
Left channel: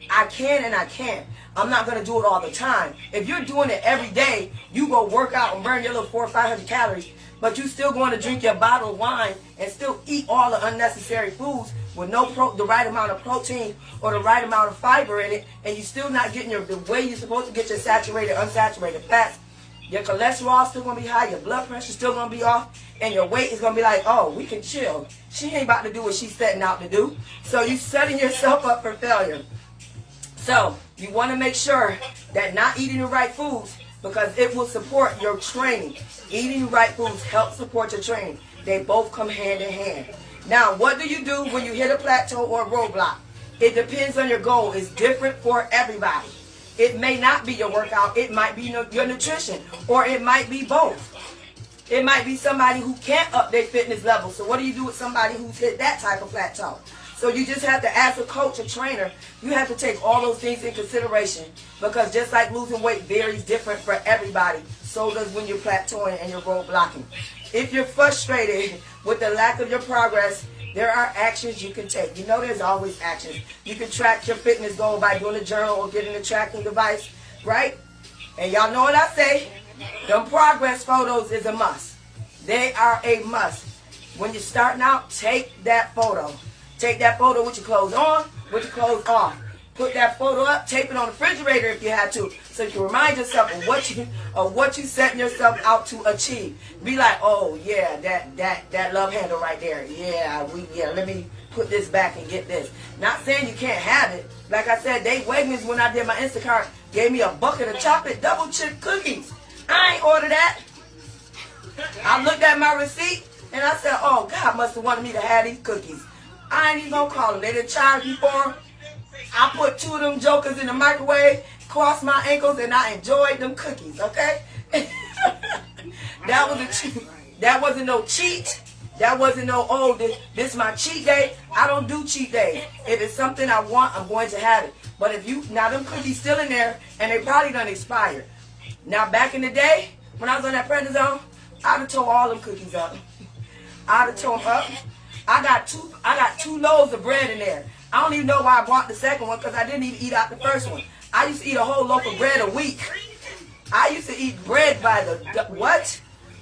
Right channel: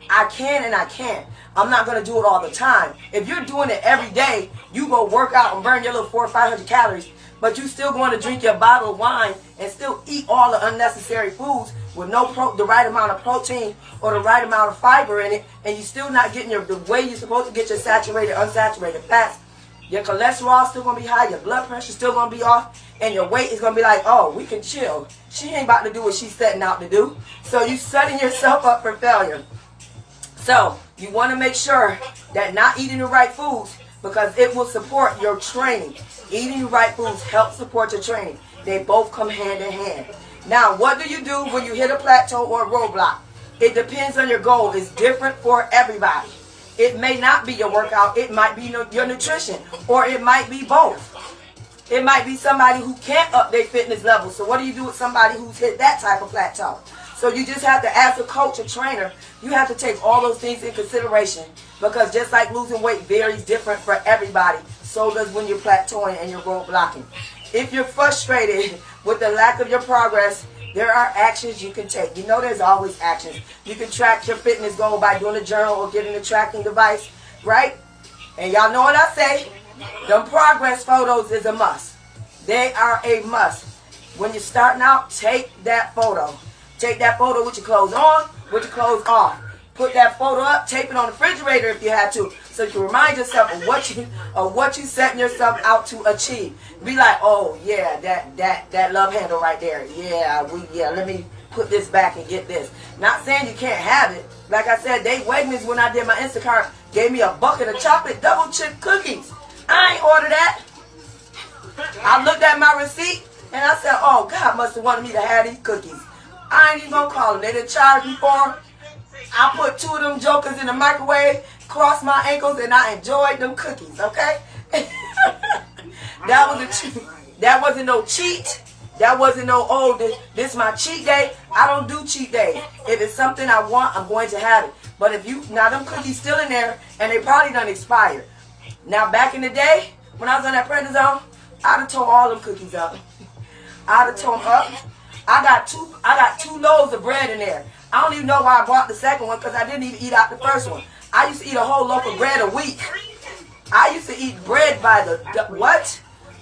I can and I can't. I'm not going to do it all the time. If you're doing it every day, you go work out and burn your little 400 or 500 calories, but you still going to drink your bottle of wine and still eat all the unnecessary foods with the right amount of protein or the right amount of fiber in it, and you're still not getting the way you're supposed to get your saturated, unsaturated fats. Your cholesterol still going to be high, your blood pressure still going to be off, and your weight is going to be like, oh, we can chill. She ain't about to do what she's setting out to do. So you're setting yourself up for failure. So you want to make sure that not eating the right foods, because it will support your training. Eating the right foods helps support your training. They both come hand in hand. Now, what do you do when you hit a plateau or a roadblock? It depends on your goal. It's different for everybody. It may not be your workout. It might be your nutrition, or it might be both. It might be somebody who can't up their fitness level. So what do you do with somebody who's hit that type of plateau? So you just have to, as a coach or trainer, you have to take all those things in consideration, because just like losing weight varies different for everybody, so does when you're plateauing and you're roadblocking. If you're frustrated with the lack of your progress, there are actions you can take. You know there's always actions. You can track your fitness goal by doing a journal or getting a tracking device, right? And y'all know what I say. Them progress photos is a must. They are a must. When you're starting out, take that photo. Take that photo with your clothes on, with your clothes off. Put that photo up, tape it on the refrigerator if you had to, so you can remind yourself of what you setting yourself out to achieve. Be like, oh yeah, that love handle right there. Yeah, let me put this back and get this. Not saying you can't have it. Like I said, Dave Wegmans, when I did my Instacart, gave me a bucket of chocolate double chip cookies. I ain't order that. I looked at my receipt and I said, oh, God must have wanted me to have these cookies. I ain't even gonna call them. They didn't charge me for them. I put 2 of them jokers in the microwave, crossed my ankles, and I enjoyed them cookies, okay? That was a cheat. That wasn't no cheat. That wasn't no, oh, this is my cheat day. I don't do cheat days. If it's something I want, I'm going to have it. But if now them cookies still in there, and they probably done expired. Now, back in the day, when I was on that prednisone, I'd have tore all them cookies up. I'd have tore them up. I got two loaves of bread in there. I don't even know why I bought the second one, because I didn't even eat out the first one. I used to eat a whole loaf of bread a week. I used to eat bread by what?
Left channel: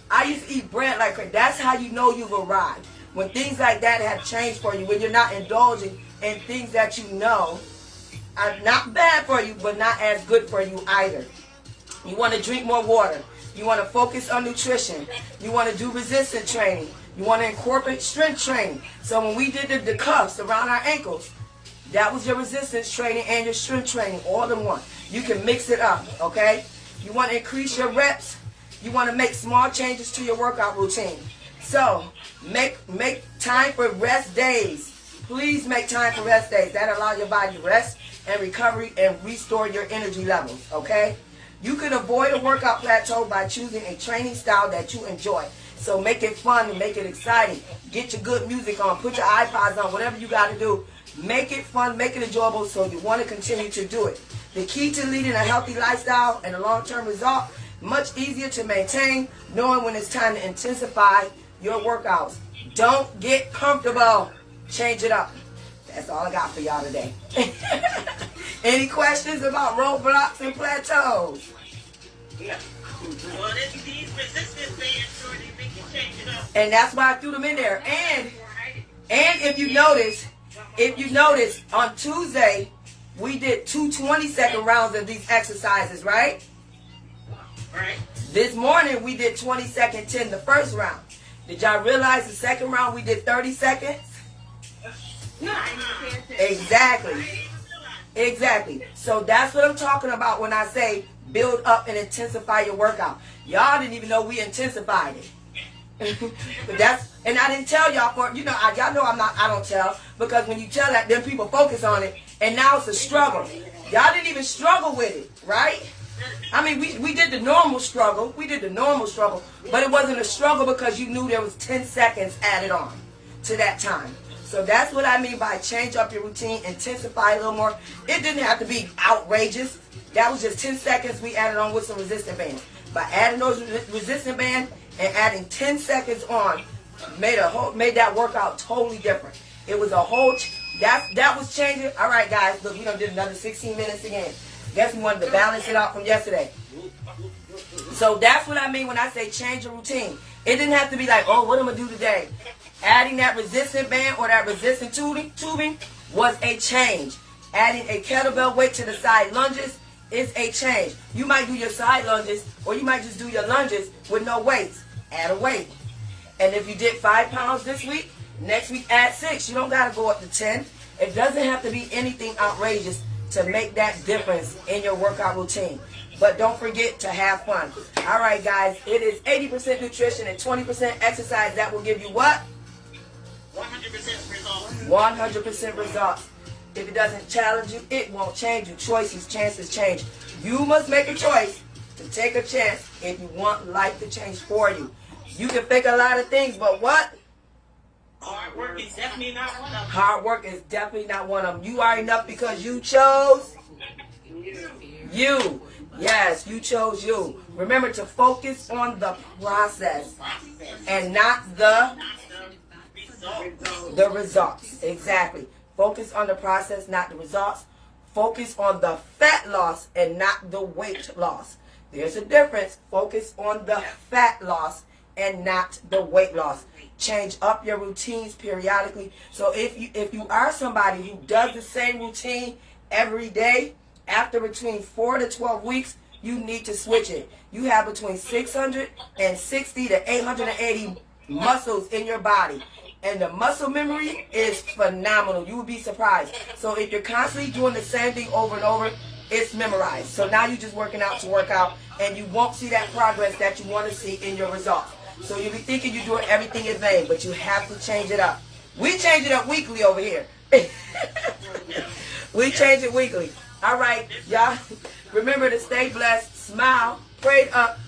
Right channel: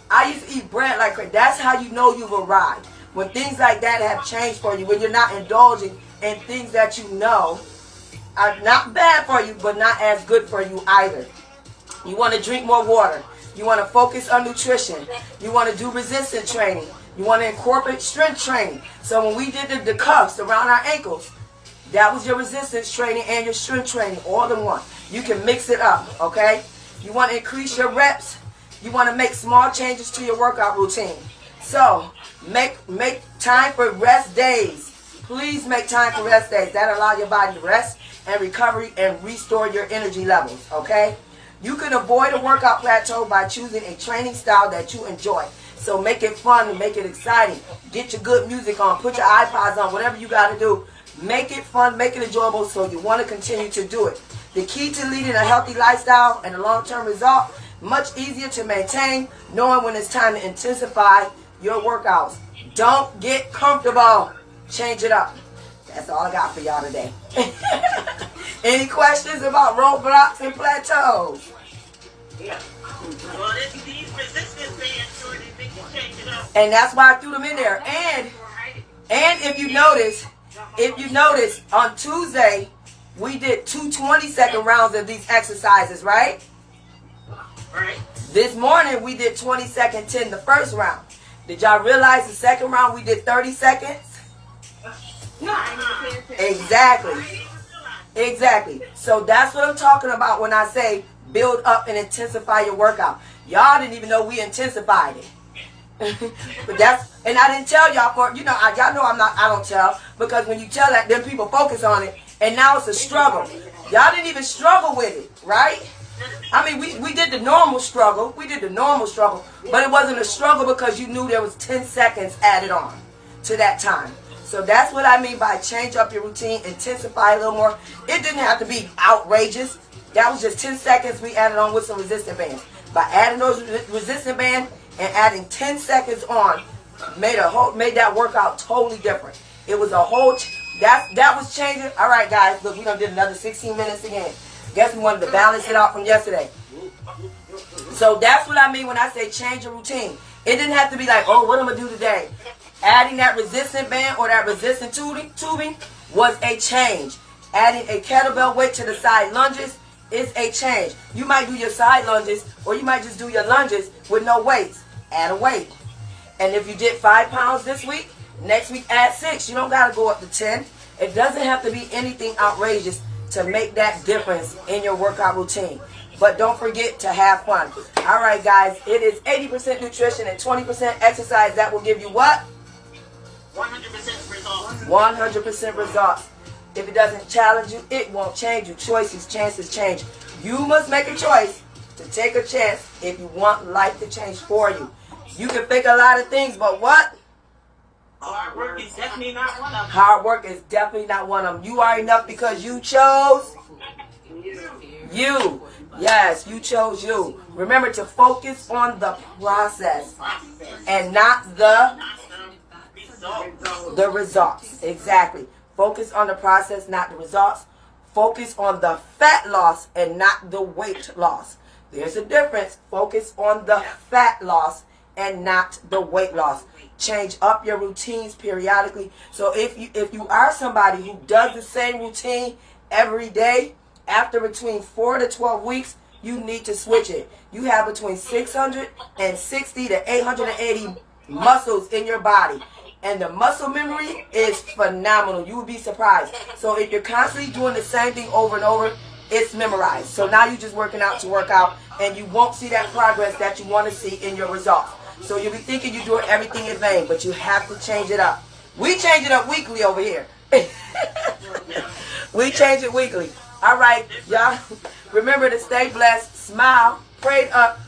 I used to eat bread like crazy. That's how you know you've arrived. When things like that have changed for you, when you're not indulging and things that you know are not bad for you, but not as good for you either. You want to drink more water. You want to focus on nutrition. You want to do resistance training. You want to incorporate strength training. So when we did the cuffs around our ankles, that was your resistance training and your strength training all in one. You can mix it up, okay? You want to increase your reps. You want to make small changes to your workout routine. So make time for rest days. Please make time for rest days. That allows your body to rest and recovery and restore your energy levels, okay? You can avoid a workout plateau by choosing a training style that you enjoy. So make it fun and make it exciting. Get your good music on. Put your iPods on. Whatever you got to do. Make it fun. Make it enjoyable so you want to continue to do it. The key to leading a healthy lifestyle and a long-term result, much easier to maintain, knowing when it's time to intensify your workouts. Don't get comfortable. Change it up. That's all I got for y'all today. Any questions about roadblocks and plateaus? Yeah. Well, these resistance bands, sure, they make you change it up. And that's why I threw them in there. And if you notice, on Tuesday, we did 2 20-second rounds of these exercises, right? Right. This morning, we did 20-second 10 the first round. Did y'all realize the second round we did 30 seconds? No. Exactly. So that's what I'm talking about when I say build up and intensify your workout. Y'all didn't even know we intensified it. But and I didn't tell y'all y'all know I don't tell, because when you tell that, then people focus on it, and now it's a struggle. Y'all didn't even struggle with it, right? I mean, we did the normal struggle. But it wasn't a struggle because you knew there was 10 seconds added on to that time. So that's what I mean by change up your routine, intensify a little more. It didn't have to be outrageous. That was just 10 seconds we added on with some resistance bands. By adding those resistance bands and adding 10 seconds on, made that workout totally different. It was a whole, that was changing. All right, guys, look, we done did another 16 minutes again. Guess we wanted to balance it out from yesterday. So that's what I mean when I say change your routine. It didn't have to be like, oh, what am I going to do today? Adding that resistance band or that resistance tubing was a change. Adding a kettlebell weight to the side lunges is a change. You might do your side lunges, or you might just do your lunges with no weights. Add a weight. And if you did 5 pounds this week, next week add 6. You don't got to go up to 10. It doesn't have to be anything outrageous to make that difference in your workout routine. But don't forget to have fun. All right, guys, it is 80% nutrition and 20% exercise. That will give you what? 100% results. 100% results. If it doesn't challenge you, it won't change you. Choices, chances change. You must make a choice to take a chance if you want life to change for you. You can think a lot of things, but what? Hard work is definitely not one of them. Hard work is definitely not one of them. You are enough because you chose you. Yes, you chose you. Remember to focus on the process and not the results. Exactly. Focus on the process, not the results. Focus on the fat loss and not the weight loss. There's a difference. Focus on the fat loss and not the weight loss. Change up your routines periodically. So if you are somebody who does the same routine every day, after between 4 to 12 weeks, you need to switch it. You have between 660 to 880 muscles in your body. And the muscle memory is phenomenal. You would be surprised. So if you're constantly doing the same thing over and over, it's memorized. So now you're just working out to work out, and you won't see that progress that you want to see in your results. So you'll be thinking you're doing everything in vain, but you have to change it up. We change it up weekly over here. We change it weekly. All right, y'all. Remember to stay blessed, smile, pray up,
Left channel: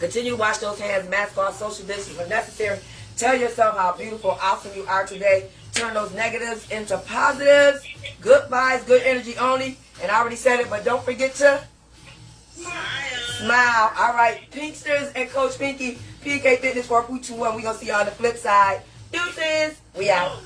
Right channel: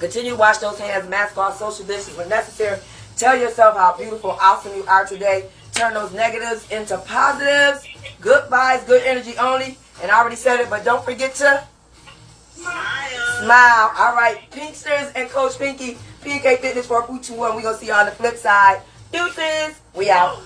continue to wash those hands, mask off, social distance when necessary. Tell yourself how beautiful, awesome you are today. Turn those negatives into positives. Good vibes, good energy only. And I already said it, but don't forget to smile. All right, Pinksters and Coach Pinky, PK Fitness 4.21. We're going to see you on the flip side. Deuces. We out.